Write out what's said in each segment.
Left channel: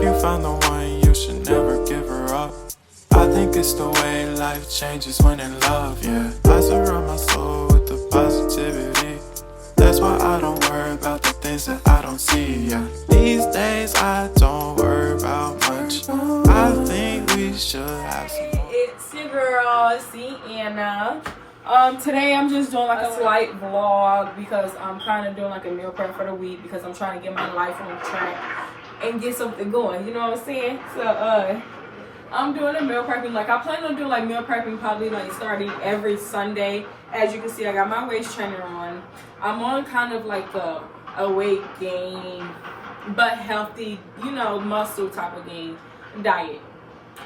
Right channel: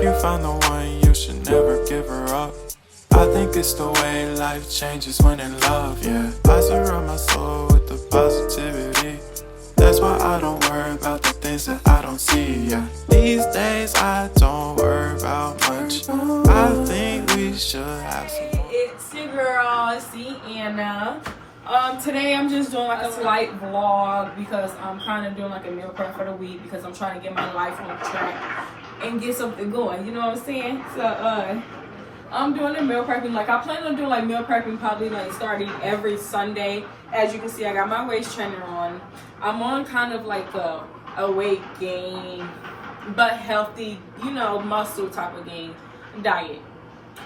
If you found the one, you should never give her up. I think it's the way life changes when in love, yeah. I surround my soul with the positivity. That's why I don't worry about the things that I don't see, yeah. These days I don't worry about much. I think we should have some more. It's your girl, Sienna. Today I'm just doing like a slight vlog because I'm kind of doing like a meal prep for the week because I'm trying to get my life on track and get something going, you know what I'm saying? So I'm doing a meal prepping. Like, I plan on doing like meal prepping probably like starting every Sunday. As you can see, I got my waist trainer on. I'm on kind of like a weight gain but healthy, you know, muscle type of gain diet.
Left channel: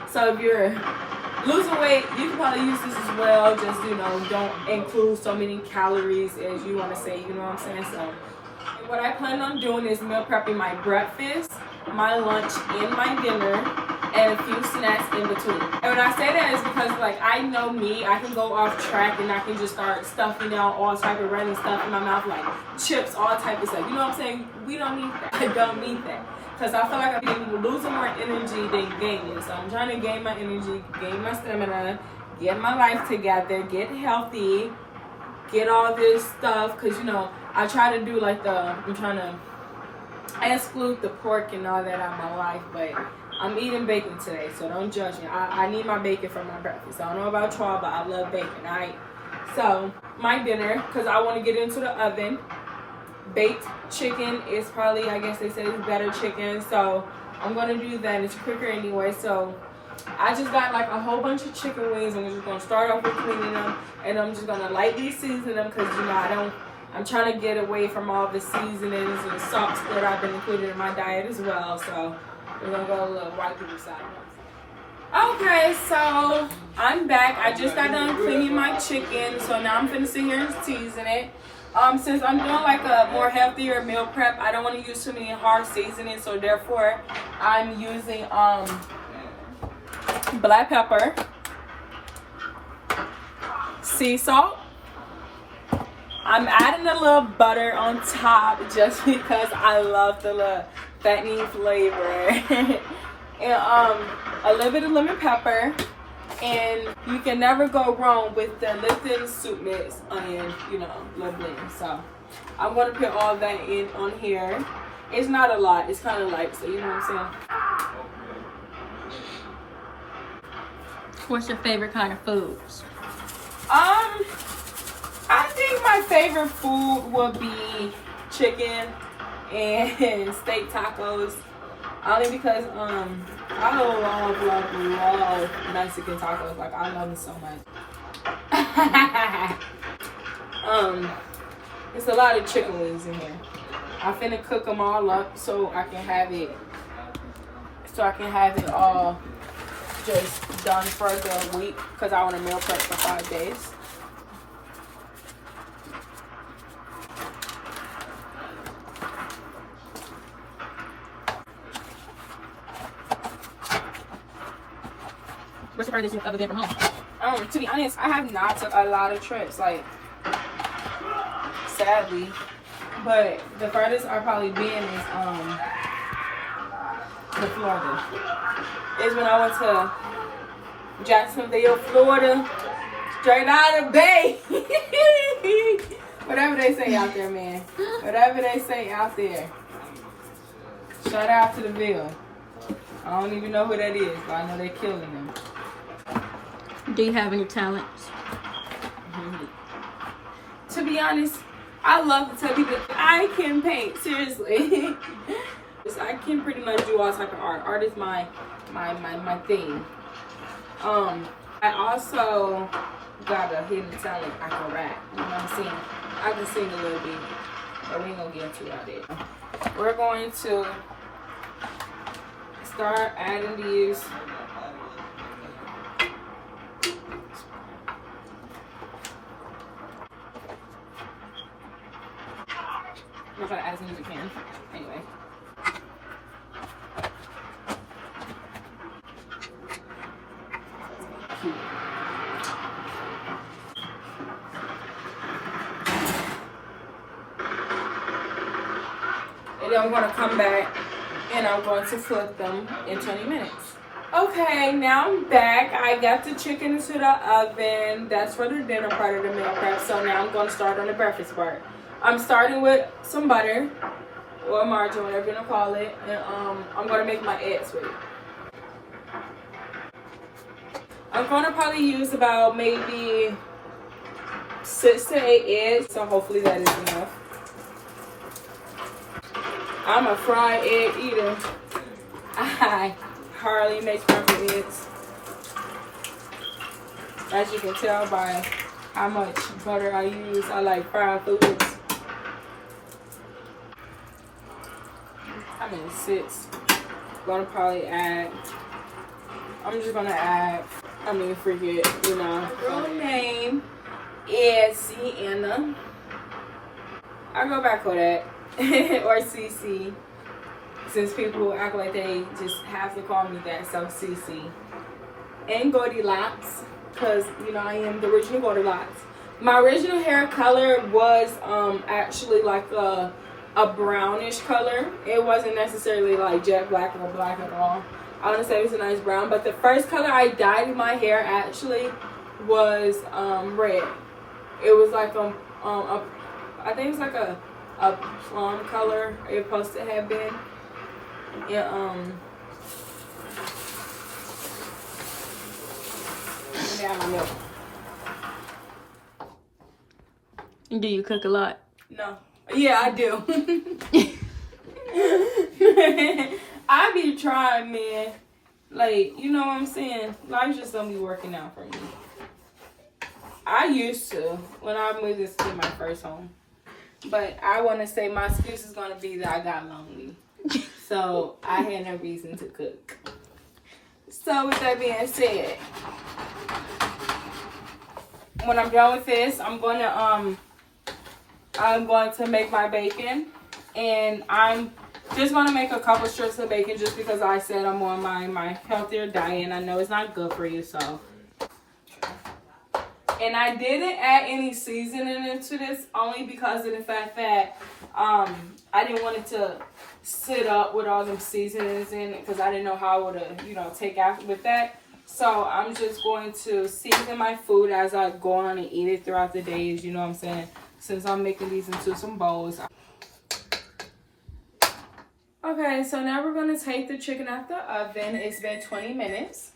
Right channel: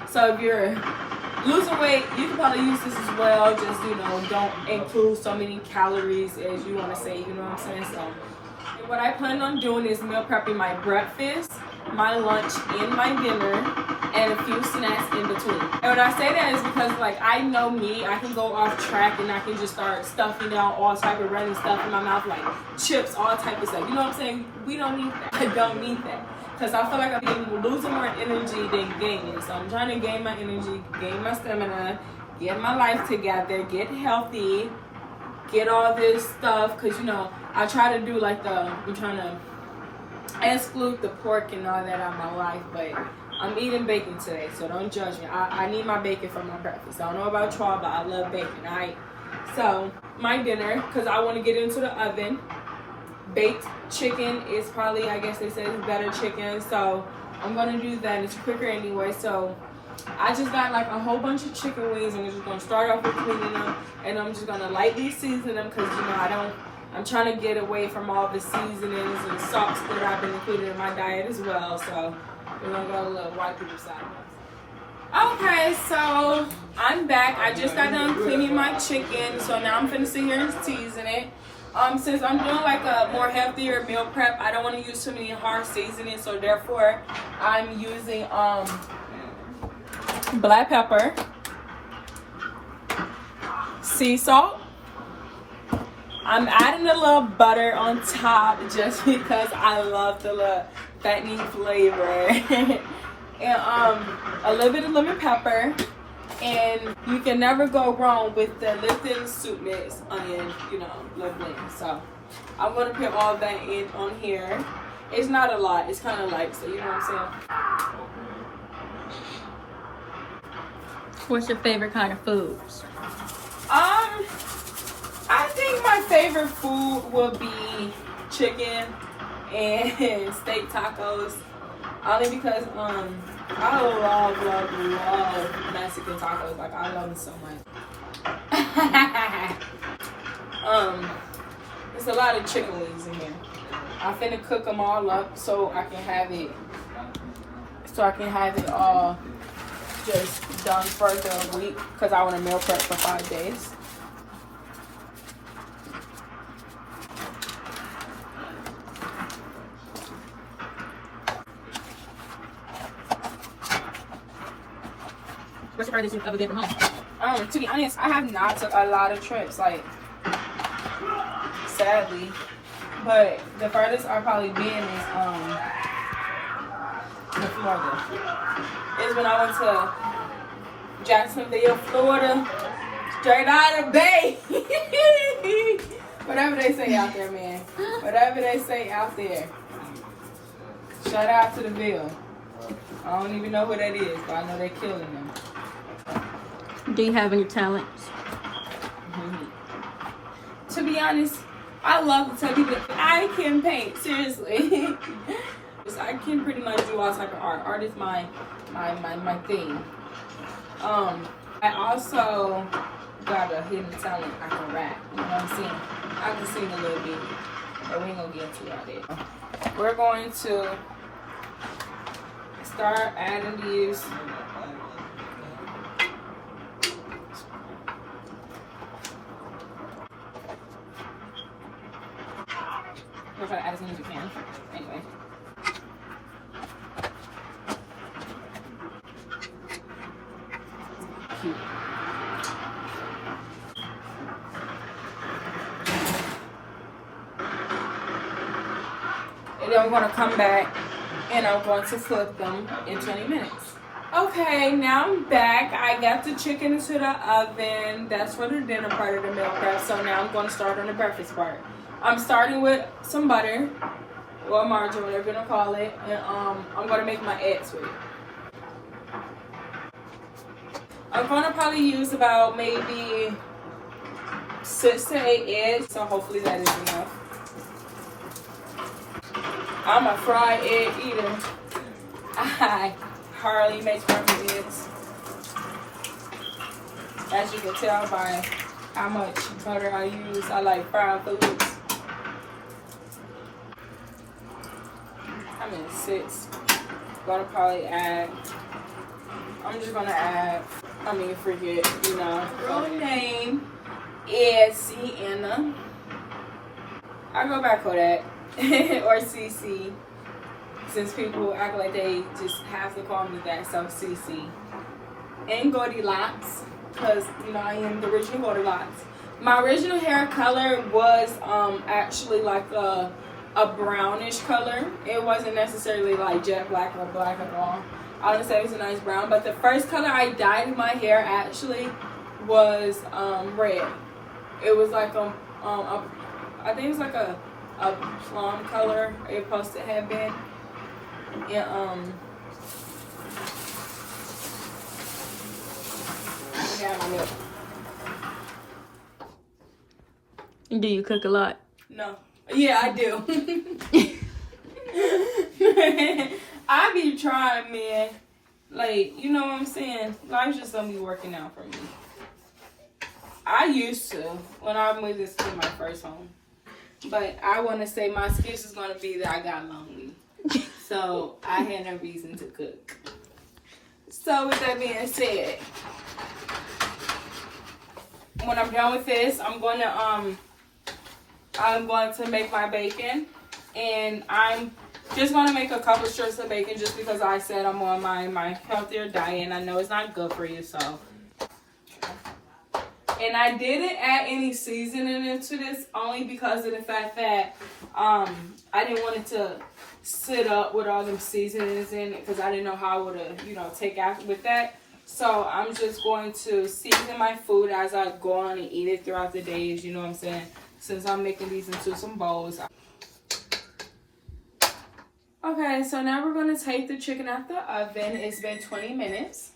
So if you're losing weight, you can probably use this as well. Just, you know, don't include so many calories as you want to say, you know what I'm saying? So what I plan on doing is meal prepping my breakfast, my lunch, and my dinner, and a few snacks in between. And when I say that is because, like, I know me, I can go off track and I can just start stuffing down all type of random stuff in my mouth, like chips, all type of stuff. You know what I'm saying? We don't need that. I don't need that. Because I feel like I'm losing more energy than gaining. So I'm trying to gain my energy, gain my stamina, get my life together, get healthy, get all this stuff. Because, you know, I try to do like I'm trying to exclude the pork and all that out of my life. But I'm eating bacon today, so don't judge me. I need my bacon for my breakfast. I don't know about y'all, but I love bacon, alright? So, my dinner, because I want to get into the oven. Baked chicken is probably, I guess they say it's better chicken, so I'm going to do that. It's quicker anyway. So I just got like a whole bunch of chicken wings. I'm just going to start off with cleaning them, and I'm just going to lightly season them because, you know, I'm trying to get away from all the seasonings and salts that I've been including in my diet as well. So we're going to go a little white people style. Okay, so I'm back. I just got done cleaning my chicken, so now I'm finna sit here and season it. Since I'm doing like a more healthier meal prep, I don't want to use too many hard seasonings, so therefore I'm using black pepper, sea salt. I'm adding a little butter on top just because I love the little fattening flavor. And a little bit of lemon pepper. And you can never go wrong with the Lipton soup mix onion, you know, little blend. So I'm going to put all that in on here. It's not a lot. It's kind of light, so you know what I'm saying? What's your favorite kind of foods? I think my favorite food would be chicken and steak tacos. Only because I love Mexican tacos. Like, I love them so much. There's a lot of chicken wings in here. I'm finna cook them all up so I can have it all just done for the week because I want to meal prep for 5 days. What's the furthest you've ever been from home? To be honest, I have not took a lot of trips, like, sadly. But the furthest I've probably been is to Florida. It's when I went to Jacksonville, Florida, straight out of the Bay. Whatever they say out there, man. Whatever they say out there. Shout out to the Ville. I don't even know who that is, but I know they're killing them. Do you have any talents? To be honest, I love to tell people I can paint. Seriously. I can pretty much do all type of art. Art is my thing. I also got a hidden talent. I can rap. You know what I'm saying? I can sing a little bit, but we ain't gonna get into all that. We're going to start adding these. I'm gonna try to add as many as we can. Anyway. Cute. And then we're gonna come back and I'm going to flip them in 20 minutes. Okay, now I'm back. I got the chicken into the oven. That's for the dinner part of the meal prep. So now I'm going to start on the breakfast part. I'm starting with some butter or margarine, whatever you want to call it, and I'm going to make my eggs with it. I'm going to probably use about maybe 6 to 8 eggs, so hopefully that is enough. I'm a fried egg eater. I hardly make scrambled eggs. As you can tell by how much butter I use, I like fried foods. I'm in 6. Gonna probably add. I'm just gonna add. Forget, you know. Real name is Sienna. I go back with that. Or CC. Since people act like they just have to call me that, so CC. And Goldilocks, because, you know, I am the original Goldilocks. My original hair color was actually like a brownish color. It wasn't necessarily like jet black or black at all. I want to say it was a nice brown, but the first color I dyed in my hair actually was red. It was like I think it was like a plum color. It supposed to have been. And yeah, my milk. Do you cook a lot? No. Yeah, I do. I be trying, man. Like, you know what I'm saying? Life's just gonna be working out for me. I used to when I moved this to my first home. But I want to say my excuse is gonna be that I got lonely. So I had no reason to cook. So with that being said, when I'm done with this, I'm going to make my bacon, and I'm just going to make a couple strips of bacon just because I said I'm on my healthier diet, and I know it's not good for you, so. And I didn't add any seasoning into this only because of the fact that I didn't want it to sit up with all them seasonings in it because I didn't know how I would have, you know, take out with that. So I'm just going to season my food as I go on and eat it throughout the days, you know what I'm saying? Since I'm making these into some bowls. Okay, so now we're going to take the chicken out the oven. It's been 20 minutes.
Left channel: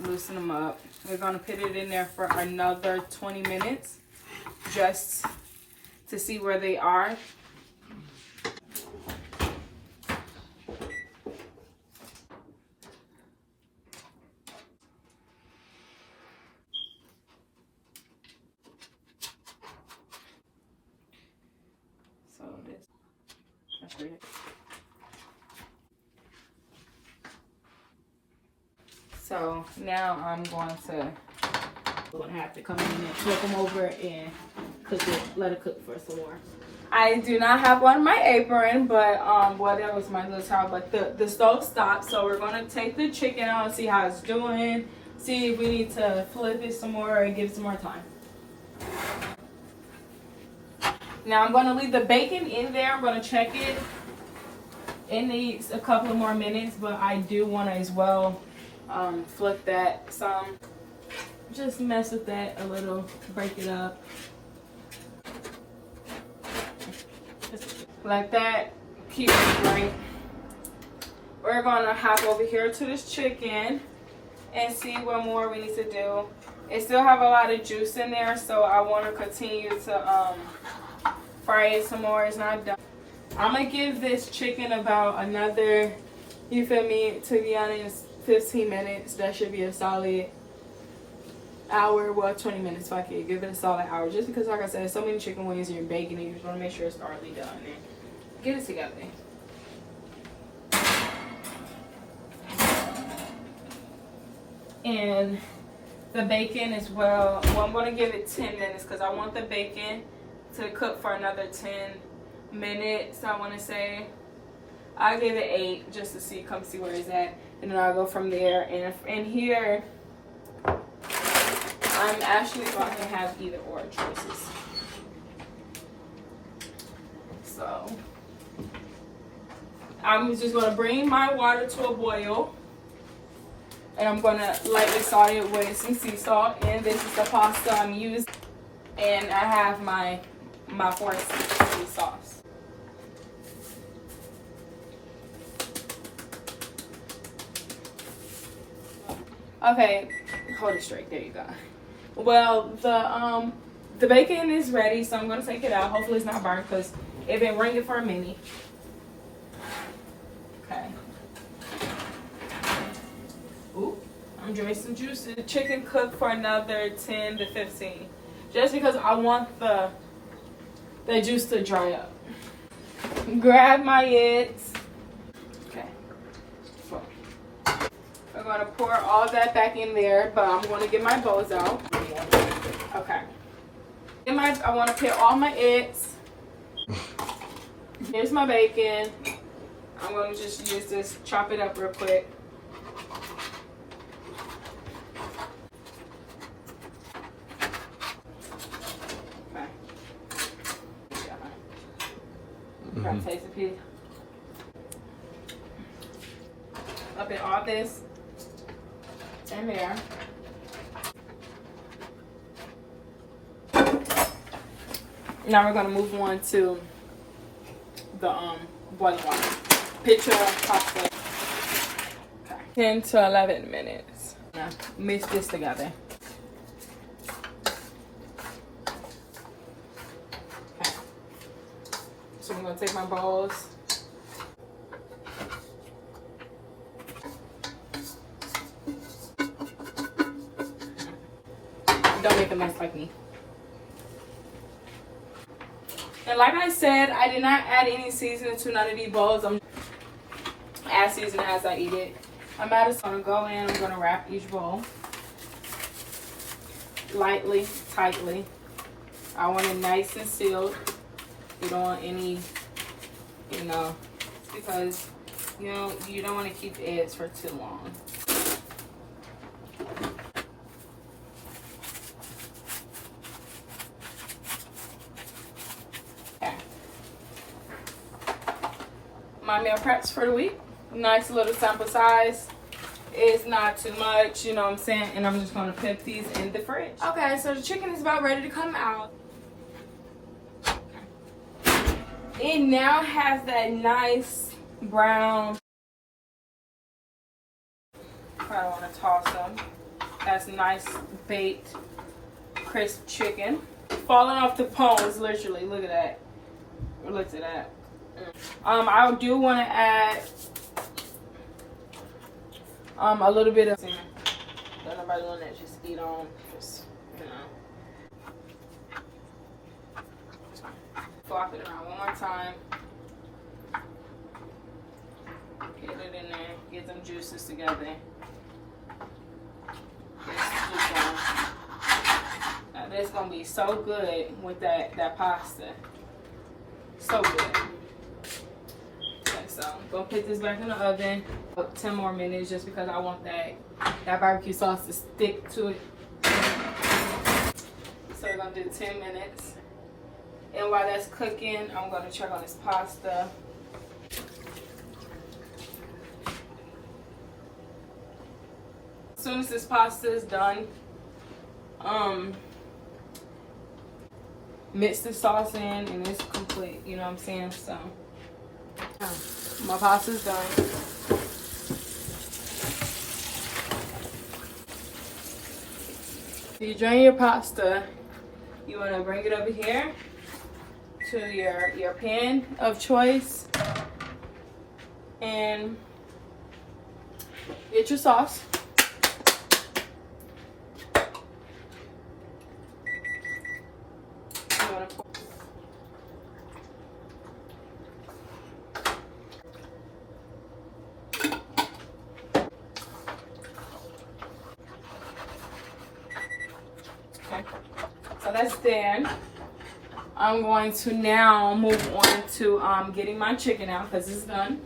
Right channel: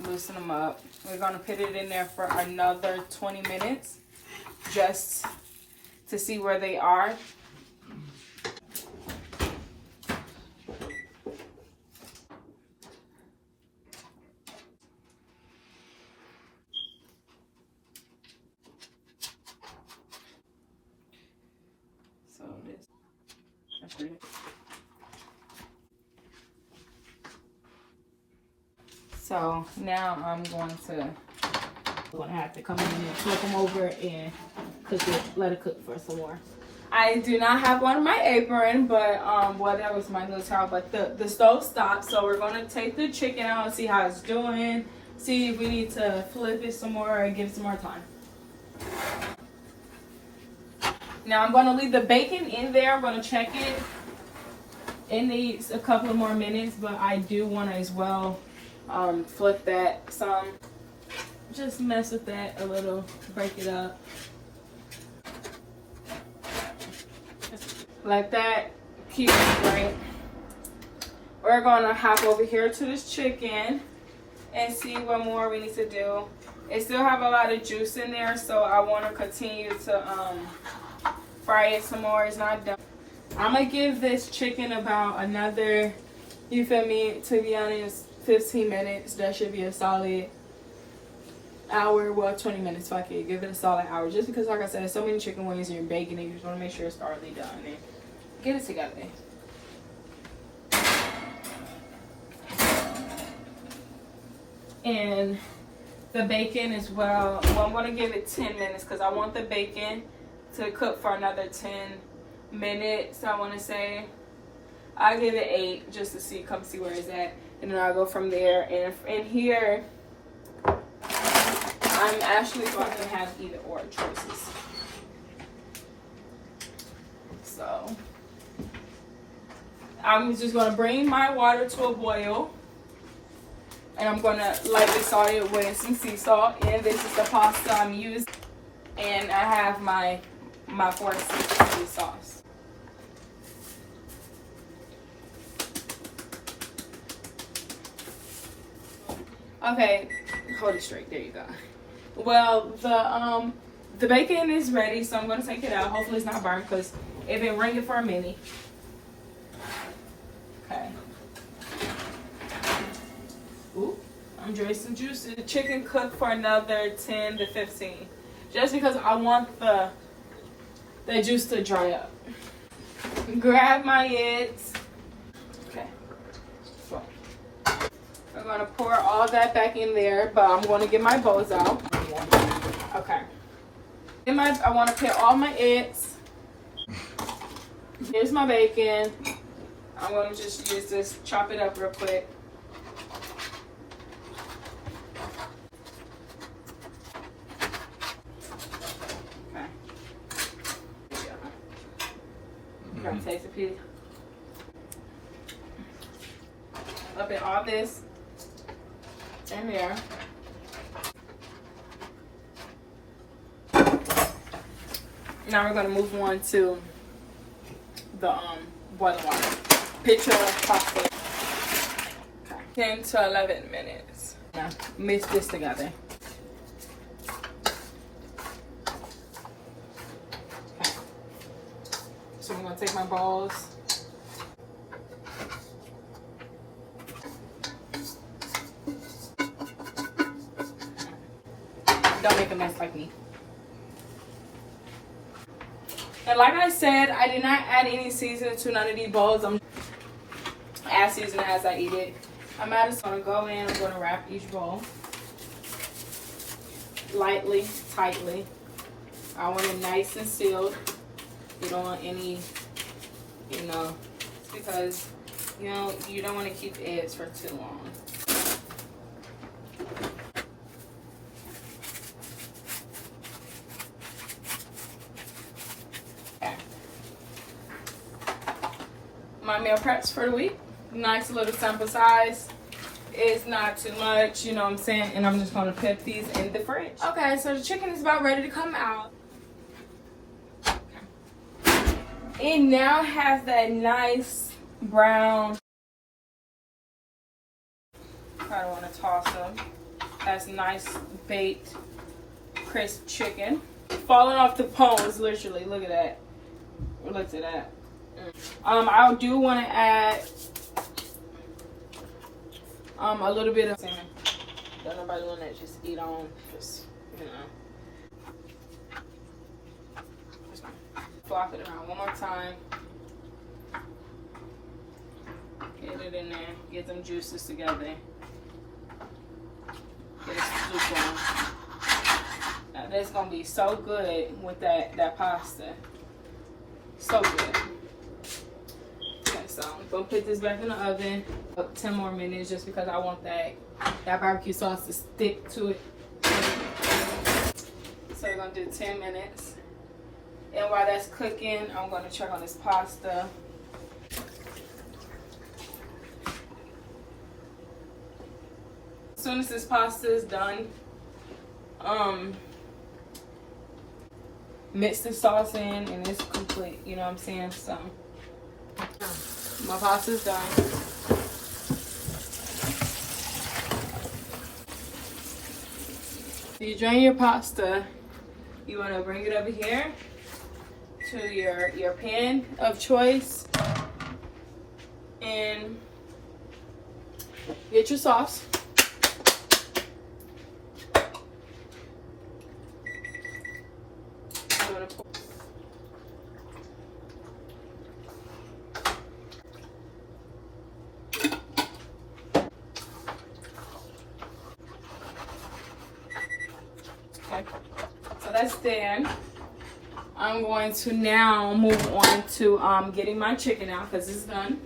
Loosen them up. We're going to put it in there for another 20 minutes just to see where they are. So that's it. So now I'm going to have to come in and flip them over and cook it, let it cook for some more. I do not have on my apron, but well, that was my little towel, but the stove stopped. So we're going to take the chicken out and see how it's doing, see if we need to flip it some more or give it some more time. Now I'm going to leave the bacon in there. I'm going to check it. It needs a couple of more minutes, but I do want to as well flip that some. Just mess with that a little, break it up. Like that, keep it right. We're gonna hop over here to this chicken and see what more we need to do. It still have a lot of juice in there, so I want to continue to fry it some more. It's not done. I'm gonna give this chicken about another, you feel me, to be honest, 15 minutes. That should be a solid hour, well, 20 minutes if I could give it a solid hour, just because, like I said, so many chicken wings and you're baking it, you just want to make sure it's thoroughly done and get it together. And the bacon as well, I'm going to give it 10 minutes because I want the bacon to cook for another 10 minutes. I want to say I'll give it 8 just to see, come see where it's at, and then I'll go from there. And here I'm actually not gonna have either or choices. So I'm just gonna bring my water to a boil, and I'm gonna lightly salt it with some sea salt. And this is the pasta I'm using, and I have my 4-6 sauce. Okay, hold it straight. There you go. Well, the bacon is ready, so I'm gonna take it out. Hopefully it's not burnt because it's been ringing for a minute. Okay. Ooh, I'm drinking some juice. The chicken cooked for another 10 to 15, just because I want the juice to dry up. Grab my eggs. Okay. So I'm gonna pour all that back in there, but I'm gonna get my bowls out. Okay. I want to put all my eggs. Here's my bacon. I'm going to just use this, chop it up real quick. Okay. Grab a taste of pig. I'll put all this in there. Now we're gonna move on to the boiling water. Picture pasta. Okay. 10 to 11 minutes. Now mix this together. Okay. So I'm gonna take my balls. Don't make a mess like me. And like I said, I did not add any seasoning to none of these bowls. I'm as seasoning as I eat it. I'm just gonna go in. I'm gonna wrap each bowl lightly, tightly. I want it nice and sealed. You don't want any, because you don't want to keep the eggs for too long. My meal preps for the week. Nice little sample size. It's not too much, you know what I'm saying? And I'm just gonna put these in the fridge. Okay, so the chicken is about ready to come out. It now has that nice brown. I don't want to toss them. That's nice baked, crisp chicken. Falling off the bones, literally. Look at that. Look at that. I do want to add a little bit of salmon. Don't nobody want that just eat on, just flop it around one more time. Get it in there. Get them juices together. Get a scoop on. Now that's gonna be so good with that pasta. So good. So I'm gonna put this back in the oven for 10 more minutes just because I want that barbecue sauce to stick to it. So we're gonna do 10 minutes. And while that's cooking, I'm gonna check on this pasta. As soon as this pasta is done, mix the sauce in and it's complete, you know what I'm saying? So my pasta's done. If you drain your pasta, you want to bring it over here to your pan of choice and get your sauce. Okay, so that's done. I'm going to now move on to getting my chicken out because it's done.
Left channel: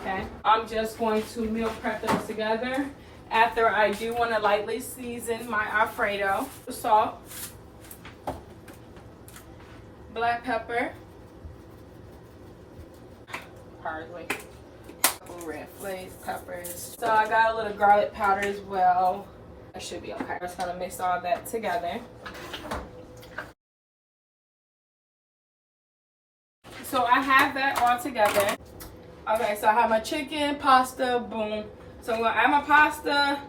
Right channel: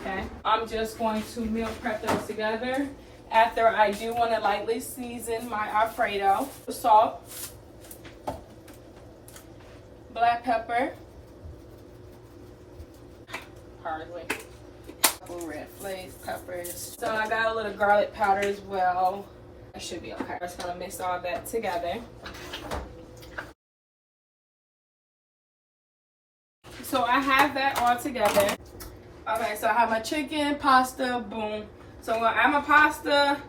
Okay. I'm just going to meal prep those together. After, I do want to lightly season my Alfredo. Salt, black pepper, parsley, couple red flakes, peppers. So I got a little garlic powder as well. That should be okay. Just gonna mix all that together. So I have that all together. Okay, so I have my chicken, pasta, boom. So I'm gonna add my pasta.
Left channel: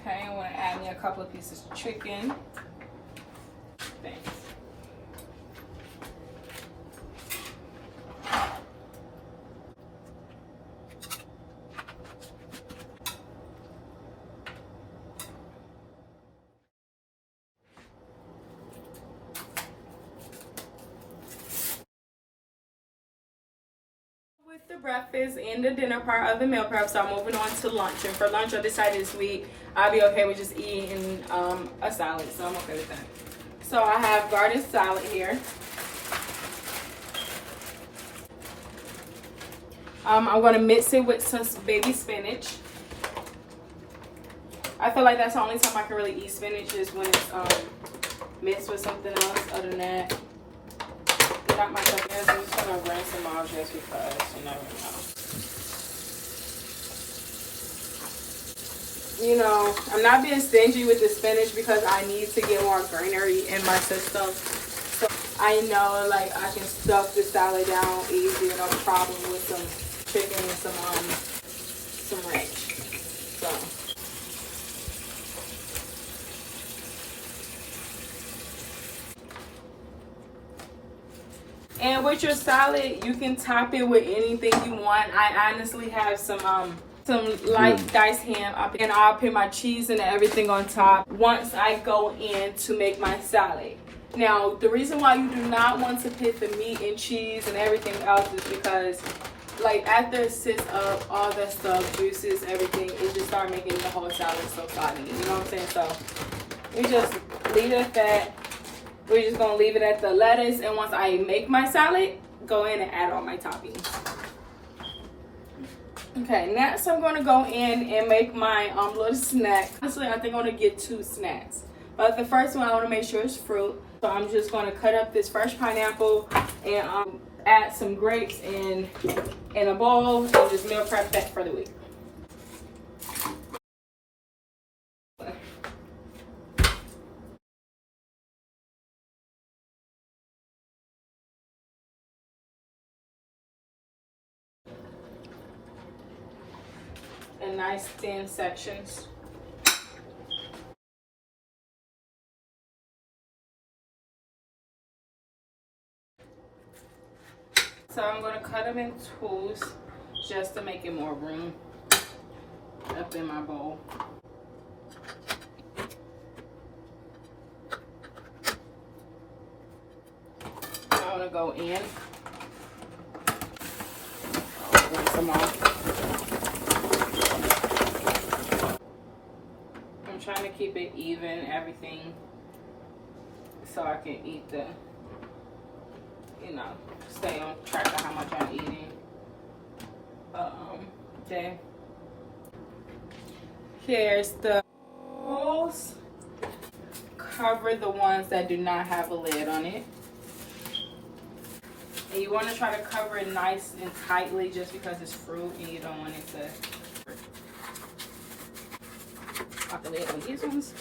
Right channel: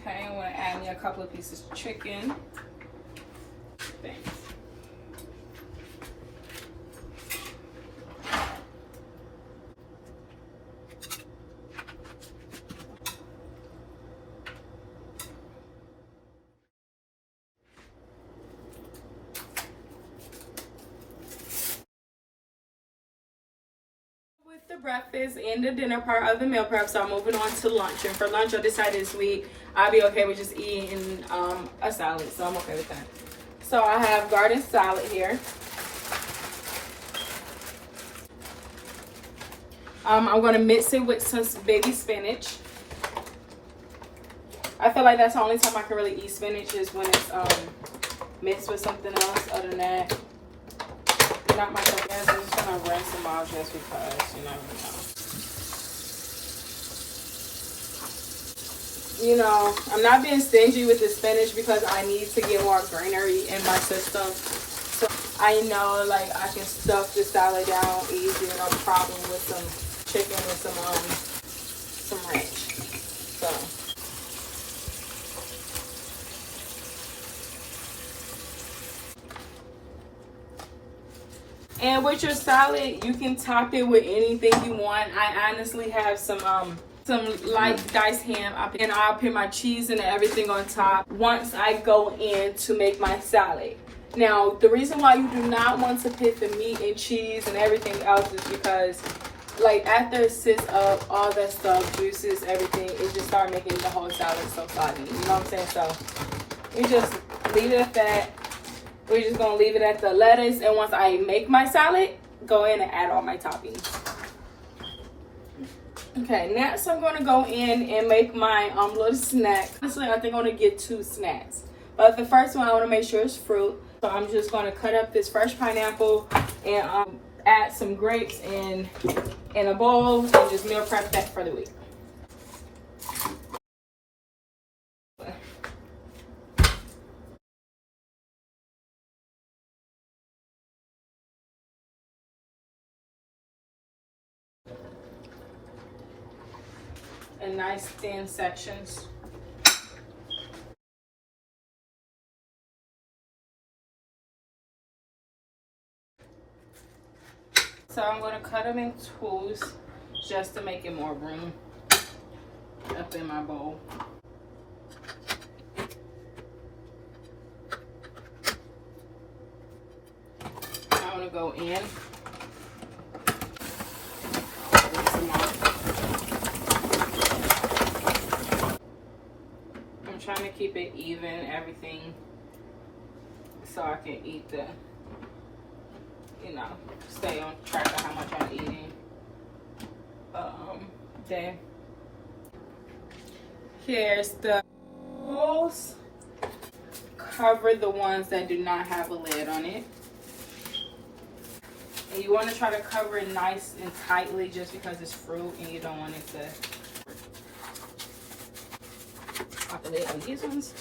Okay, I'm gonna add me a couple of pieces of chicken. Thanks. With the breakfast and the dinner part of the meal prep, so I'm moving on to lunch. And for lunch, I decided this week I'll be okay with just eating a salad, so I'm okay with that. So I have garden salad here. I'm gonna mix it with some baby spinach. I feel like that's the only time I can really eat spinach is when it's mixed with something else. Other than that, not my cup. I'm just gonna rinse them out just because you never know. You know, I'm not being stingy with the spinach because I need to get more greenery in my system. So I know like I can stuff the salad down easy, no problem with some chicken and some ranch. So and with your salad, you can top it with anything you want. I honestly have some light diced ham, and I'll put my cheese and everything on top once I go in to make my salad. Now, the reason why you do not want to put the meat and cheese and everything else is because, like, after it sits up, all that stuff, juices, everything, it just start making the whole salad so soggy. You know what I'm saying? So we just leave it at that. We're just gonna leave it at the lettuce, and once I make my salad, go in and add all my toppings. Okay, next I'm gonna go in and make my little snack. Honestly, I think I'm gonna get 2 snacks. But the first one, I wanna make sure it's fruit. So I'm just gonna cut up this fresh pineapple and add some grapes in a bowl and just meal prep that for the week. In nice thin sections. So I'm going to cut them in twos just to make it more room up in my bowl. I'm going to go in with some more. I'm trying to keep it even, everything, so I can eat the, you know, stay on track of how much I'm eating. Okay. Here's the bowls. Cover the ones that do not have a lid on it. And you want to try to cover it nice and tightly just because it's fruit and you don't want it to pop a lid on these ones.